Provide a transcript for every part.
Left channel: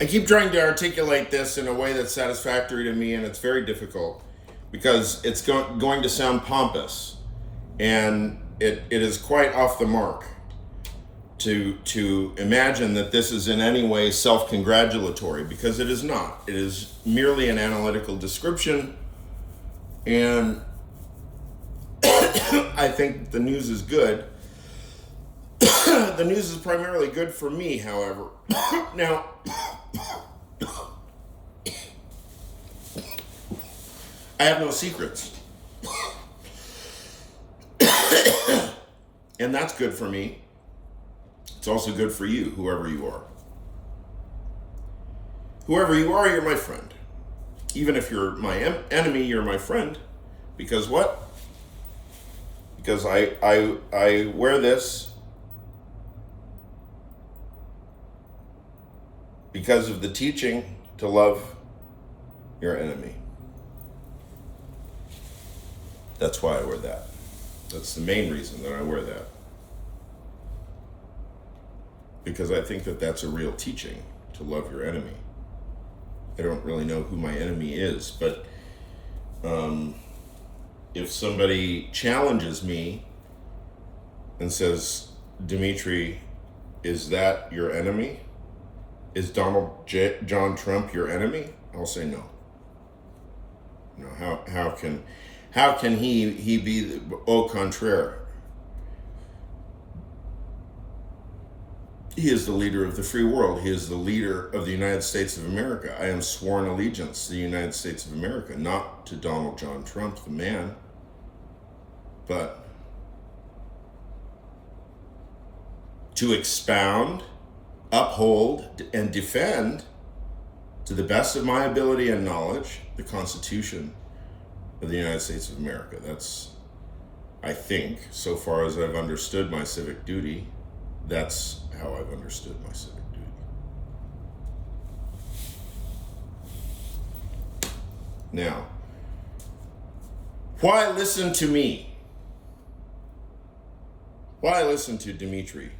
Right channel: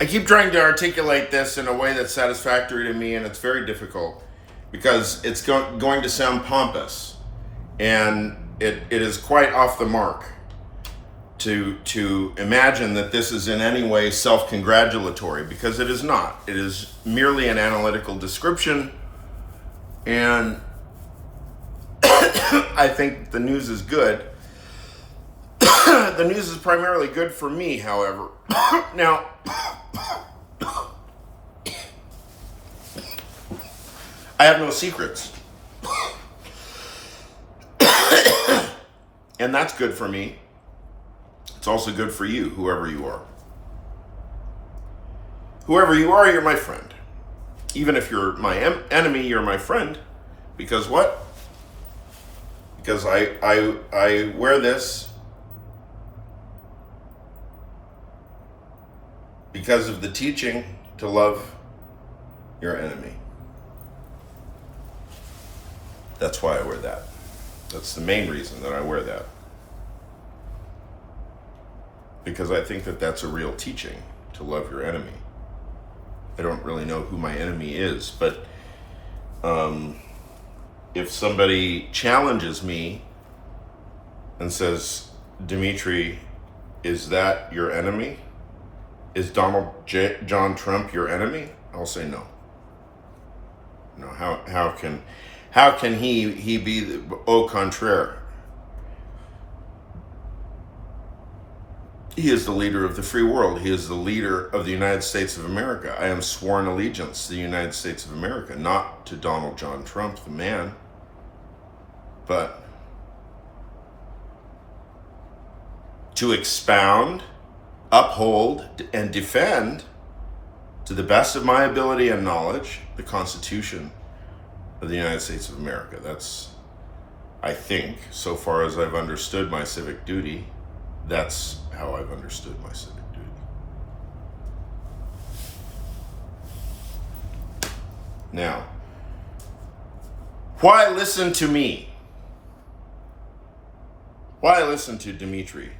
I keep trying to articulate this in a way that's satisfactory to me, and it's very difficult because it's going to sound pompous, and it is quite off the mark to imagine that this is in any way self-congratulatory, because it is not. It is merely an analytical description, and I think the news is good. The news is primarily good for me, however. Now, I have no secrets. And that's good for me. It's also good for you, whoever you are. Whoever you are, you're my friend. Even if you're my enemy, you're my friend. Because what? Because I wear this because of the teaching to love your enemy. That's why I wear that. That's the main reason that I wear that. Because I think that that's a real teaching, to love your enemy. I don't really know who my enemy is, but if somebody challenges me and says, Dimitri, is that your enemy? Is Donald John Trump your enemy? I'll say no. No, how can he be the au contraire? He is the leader of the free world. He is the leader of the United States of America. I am sworn allegiance to the United States of America, not to Donald John Trump, the man, but to expound, uphold, and defend, to the best of my ability and knowledge, the Constitution of the United States of America. That's, I think, so far as I've understood my civic duty, that's how I've understood my civic duty. Now, why listen to me? Why listen to Dimitri?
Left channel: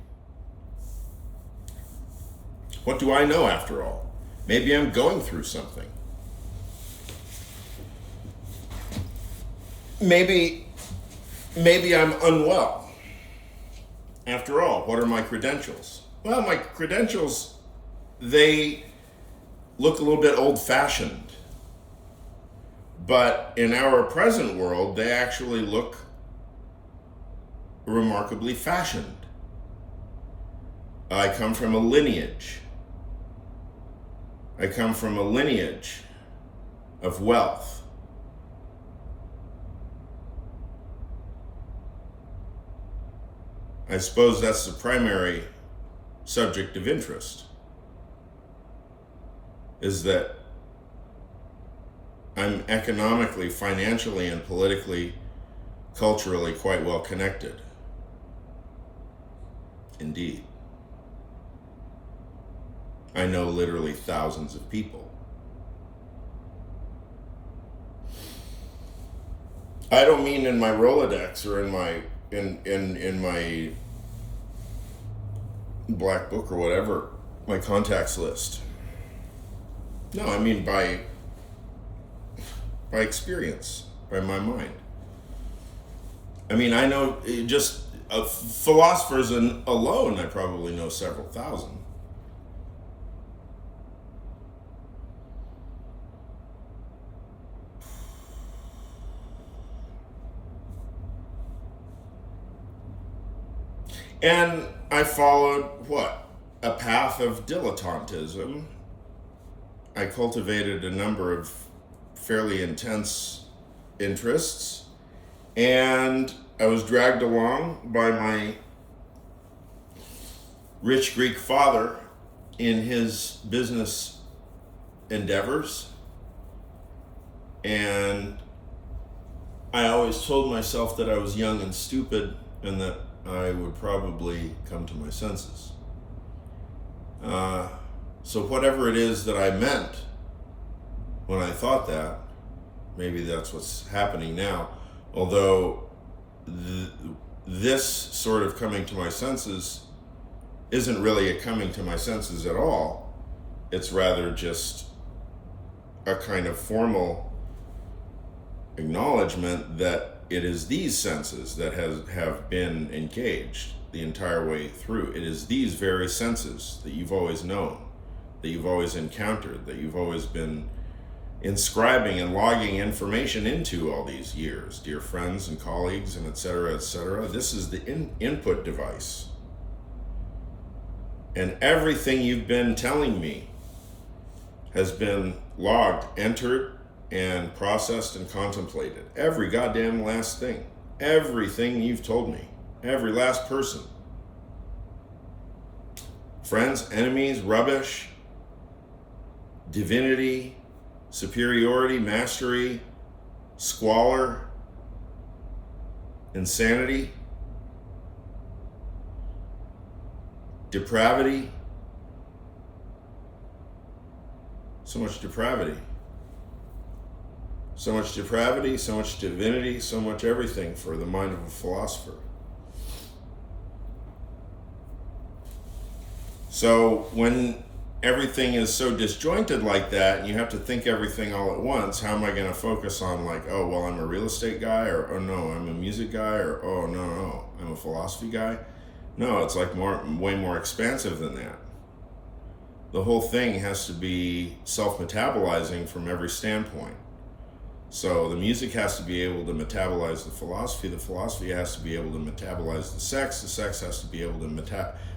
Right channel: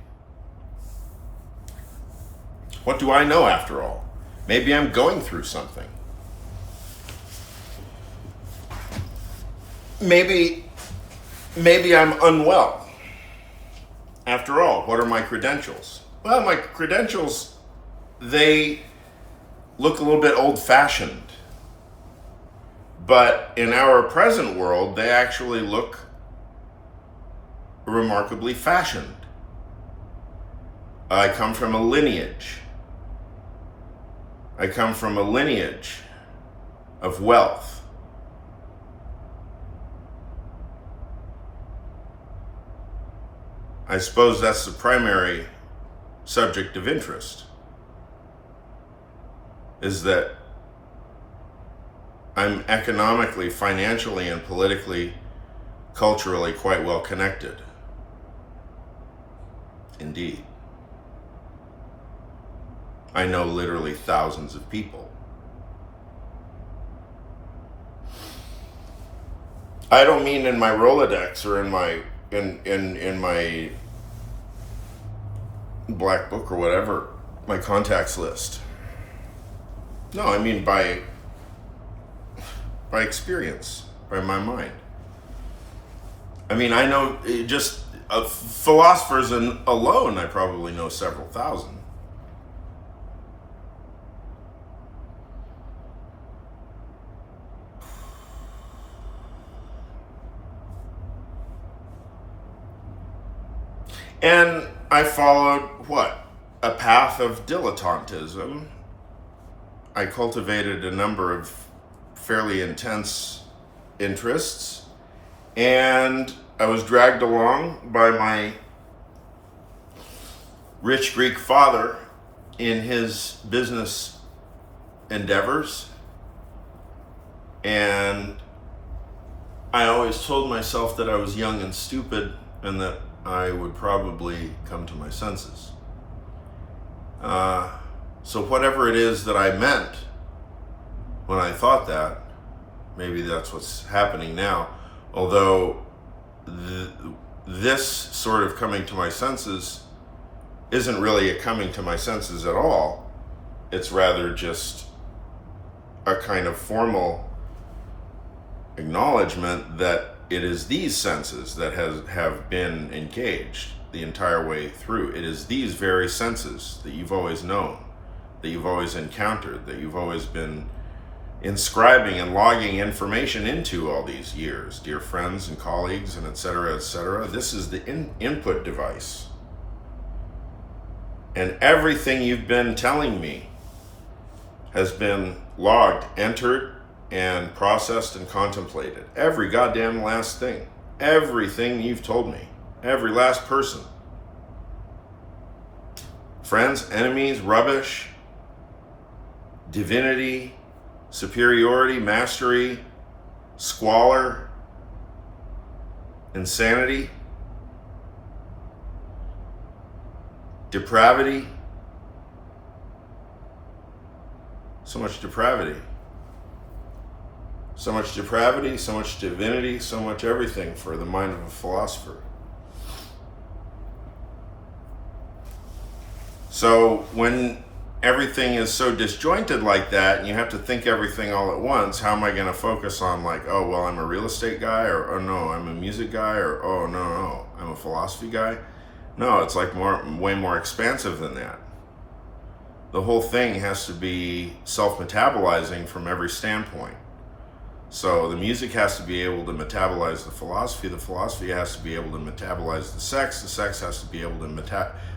What do I know after all? Maybe I'm going through something. Maybe I'm unwell. After all, what are my credentials? Well, my credentials, they look a little bit old-fashioned. But in our present world, they actually look remarkably fashioned. I come from a lineage. I come from a lineage of wealth. I suppose that's the primary subject of interest, is that I'm economically, financially, and politically, culturally quite well connected. Indeed. I know literally thousands of people. I don't mean in my Rolodex or in my black book or whatever, my contacts list. No, I mean by experience, by my mind. I mean, I know just philosophers alone, I probably know several thousand. And I followed, what? A path of dilettantism. I cultivated a number of fairly intense interests, and I was dragged along by my rich Greek father in his business endeavors. And I always told myself that I was young and stupid and that I would probably come to my senses. So whatever it is that I meant when I thought that, maybe that's what's happening now. Although this sort of coming to my senses isn't really a coming to my senses at all. It's rather just a kind of formal acknowledgement that it is these senses that have been engaged the entire way through. It is these very senses that you've always known, that you've always encountered, that you've always been inscribing and logging information into all these years, dear friends and colleagues, and etc., etc. This is the input device. And everything you've been telling me has been logged, entered, and processed and contemplated. Every goddamn last thing. Everything you've told me. Every last person. Friends, enemies, rubbish, divinity, superiority, mastery, squalor, insanity, depravity. So much depravity. So much depravity, so much divinity, so much everything for the mind of a philosopher. So when everything is so disjointed like that, and you have to think everything all at once, how am I going to focus on, like, oh, well, I'm a real estate guy, or oh, no, I'm a music guy, or oh, no, I'm a philosophy guy? No, it's like way more expansive than that. The whole thing has to be self-metabolizing from every standpoint. So the music has to be able to metabolize the philosophy has to be able to metabolize the sex has to be able to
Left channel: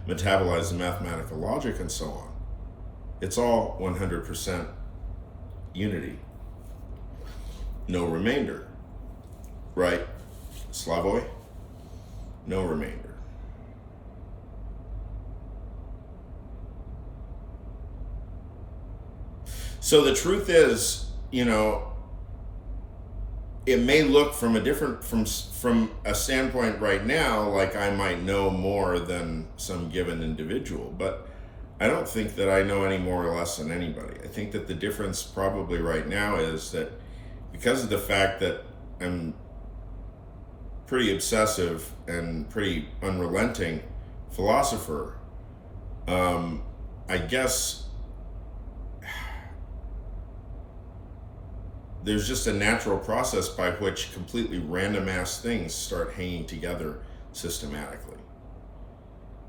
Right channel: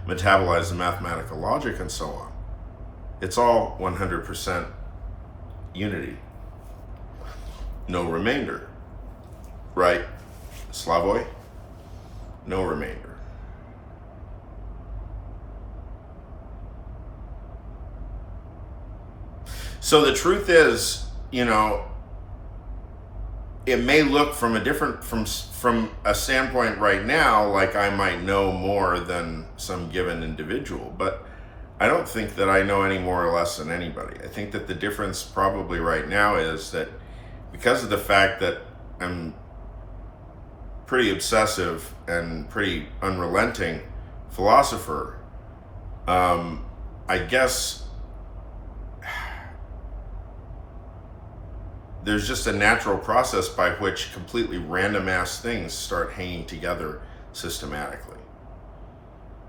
metabolize the mathematical logic, and so on. It's all 100% unity. No remainder. Right, Slavoj? No remainder. So the truth is, it may look from a standpoint right now like I might know more than some given individual, but I don't think that I know any more or less than anybody. I think that the difference probably right now is that because of the fact that I'm pretty obsessive and pretty unrelenting philosopher, I guess there's just a natural process by which completely random ass things start hanging together systematically.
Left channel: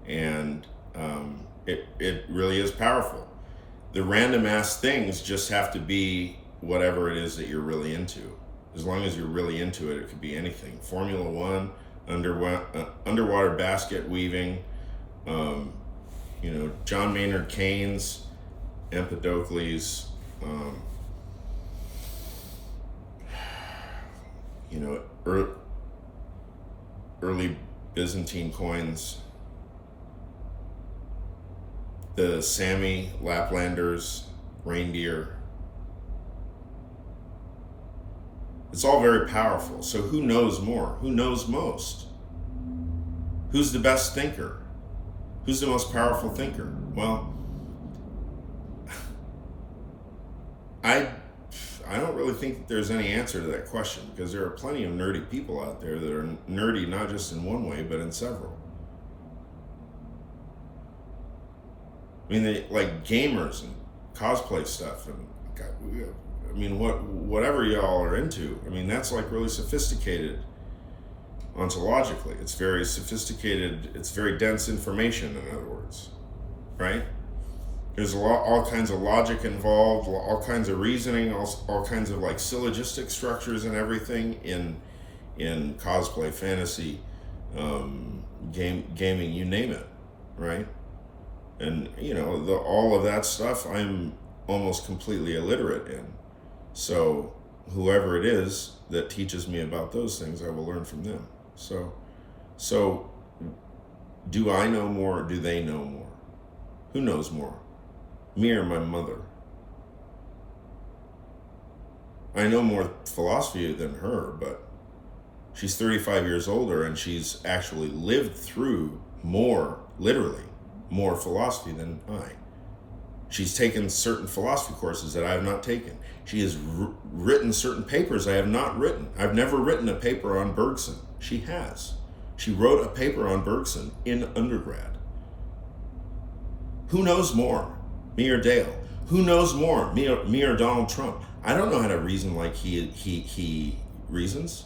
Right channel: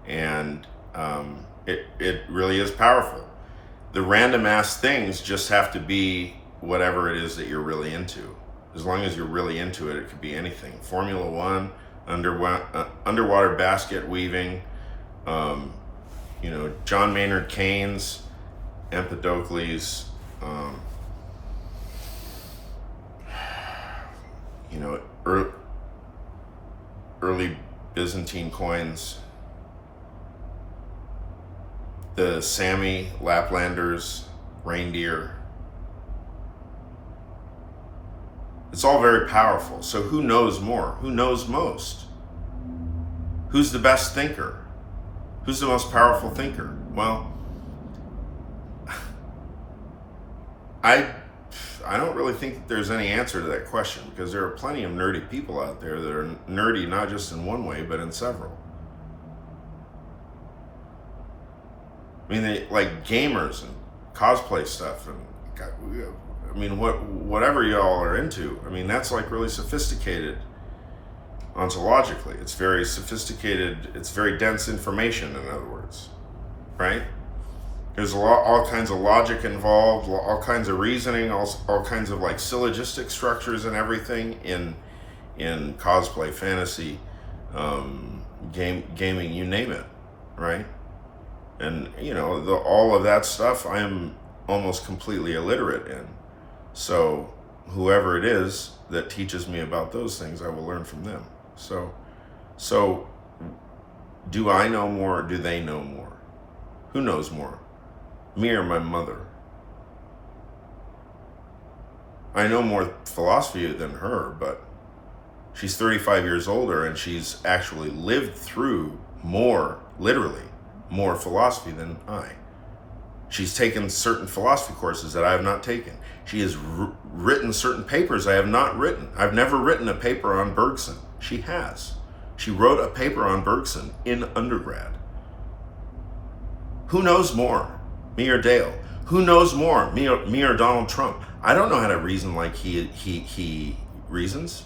And it really is powerful. The random ass things just have to be whatever it is that you're really into. As long as you're really into it, it could be anything. Formula One, underwater basket weaving, John Maynard Keynes, Empedocles, early Byzantine coins, the Sami, Laplanders, reindeer. It's all very powerful. So who knows more? Who knows most? Who's the best thinker? Who's the most powerful thinker? Well, I don't really think that there's any answer to that question, because there are plenty of nerdy people out there that are nerdy not just in one way, but in several. I mean, they like gamers and cosplay stuff, and whatever y'all are into. I mean, that's like really sophisticated ontologically. It's very sophisticated. It's very dense information, in other words, right? There's all kinds of logic involved, all kinds of reasoning, all kinds of like syllogistic structures and everything in cosplay, fantasy, gaming, you name it, right? And all of that stuff I'm almost completely illiterate in. So whoever it is that teaches me about those things, I will learn from them. So do I know more, or do they know more? Who knows more? Me or my mother? I know more philosophy than her, but she's 35 years older, and she's actually lived through literally more philosophy than I. She's taken certain philosophy courses that I have not taken. She has written certain papers I have not written. I've never written a paper on Bergson. She has. She wrote a paper on Bergson in undergrad. Who knows more? Me or Dale? Who knows more, me or Donald Trump? I don't know how to reason like he reasons.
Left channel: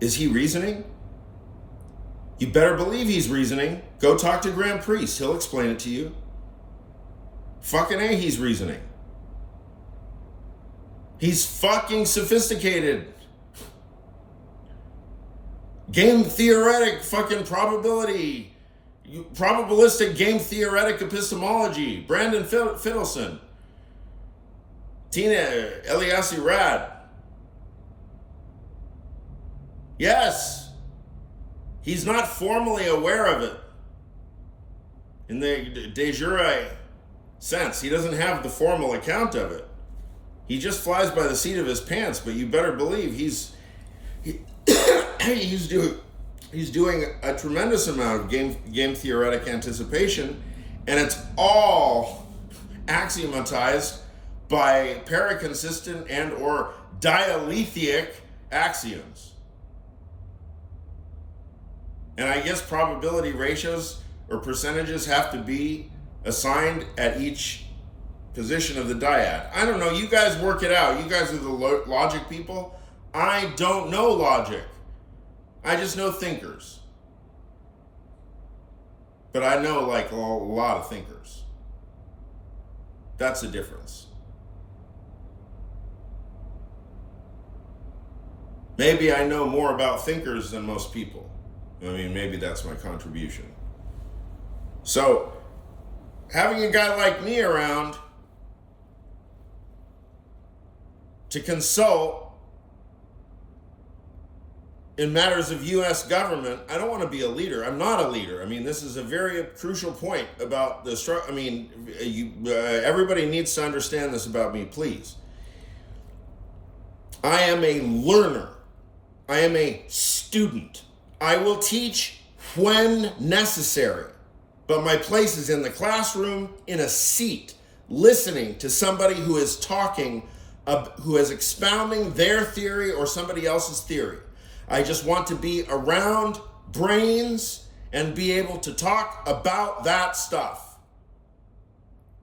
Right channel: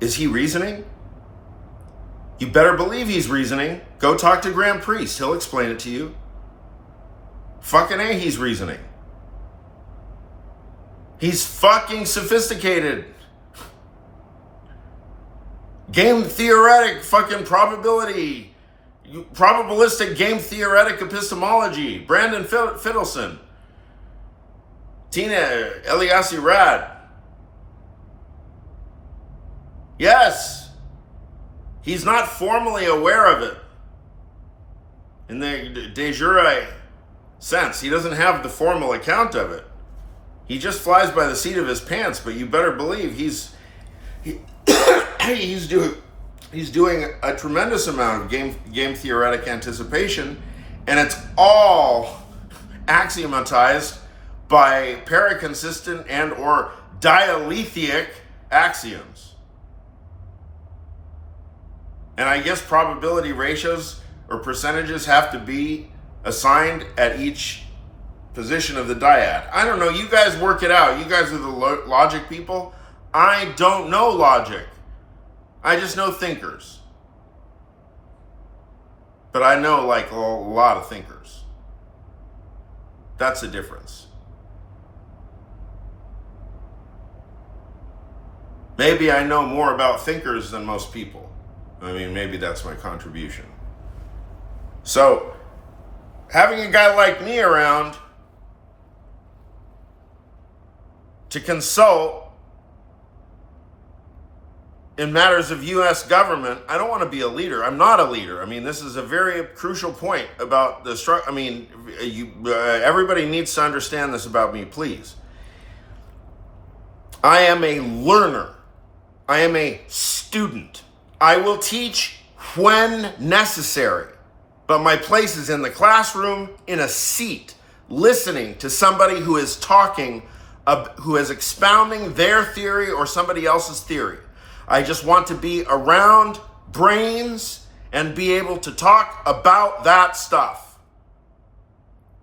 Is he reasoning? You better believe he's reasoning. Go talk to Graham Priest. He'll explain it to you. Fucking A, he's reasoning. He's fucking sophisticated. Game theoretic fucking probability. Probabilistic game theoretic epistemology. Brandon Fiddleson. Tina Eliassi Rad. Yes. He's not formally aware of it. In the de jure sense. He doesn't have the formal account of it. He just flies by the seat of his pants, but you better believe he's doing a tremendous amount of game theoretic anticipation, and it's all axiomatized by paraconsistent and or dialetheic axioms. And I guess probability ratios or percentages have to be assigned at each position of the dyad. I don't know. You guys work it out. You guys are the logic people. I don't know logic. I just know thinkers. But I know like a lot of thinkers. That's the difference. Maybe I know more about thinkers than most people. I mean, maybe that's my contribution. So, having a guy like me around to consult in matters of U.S. government, I don't want to be a leader. I'm not a leader. I mean, this is a very crucial point about the structure. I mean, everybody needs to understand this about me, please. I am a learner. I am a student. I will teach when necessary, but my place is in the classroom, in a seat, listening to somebody who is talking, who is expounding their theory or somebody else's theory. I just want to be around brains and be able to talk about that stuff.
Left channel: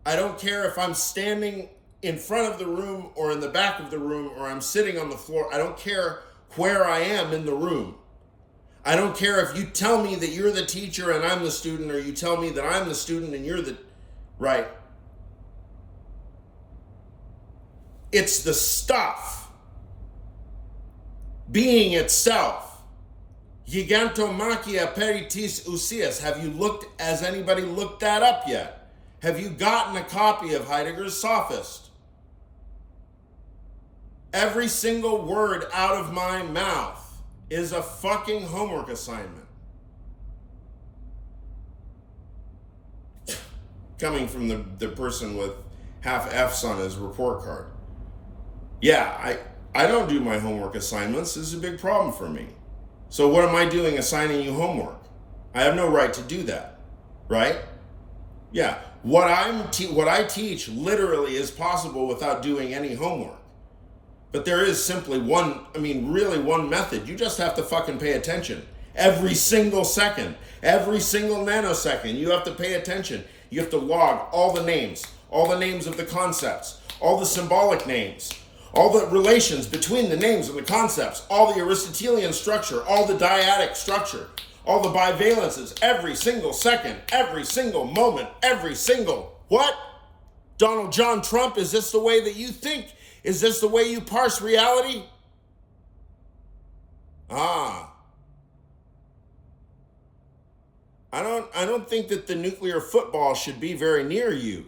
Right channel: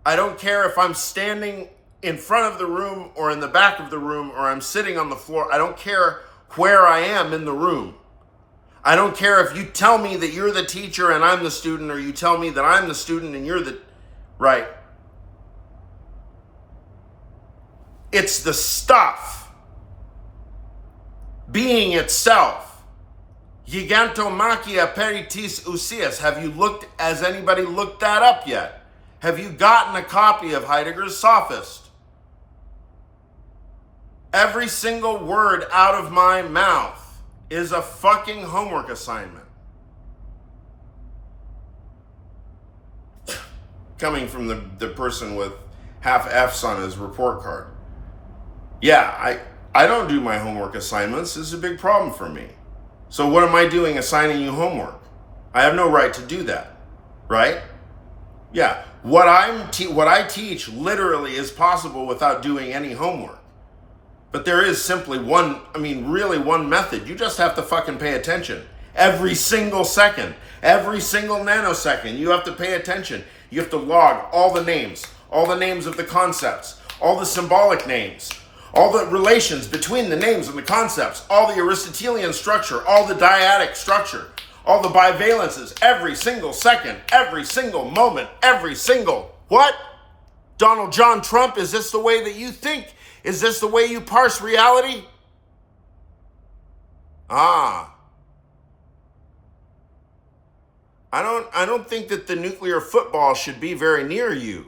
I don't care if I'm standing in front of the room or in the back of the room or I'm sitting on the floor. I don't care where I am in the room. I don't care if you tell me that you're the teacher and I'm the student, or you tell me that I'm the student and you're the... Right. It's the stuff. Being itself. Gigantomachia peritis usias. Has anybody looked that up yet? Have you gotten a copy of Heidegger's Sophist? Every single word out of my mouth is a fucking homework assignment. Coming from the person with half F's on his report card. Yeah, I don't do my homework assignments. This is a big problem for me. So what am I doing assigning you homework? I have no right to do that, right? Yeah, what I teach literally is possible without doing any homework. But there is simply really one method. You just have to fucking pay attention. Every single second, every single nanosecond, you have to pay attention. You have to log all the names of the concepts, all the symbolic names, all the relations between the names and the concepts, all the Aristotelian structure, all the dyadic structure, all the bivalences, every single second, every single moment, every single... What? Donald John Trump, is this the way that you think? Is this the way you parse reality? I don't think that the nuclear football should be very near you.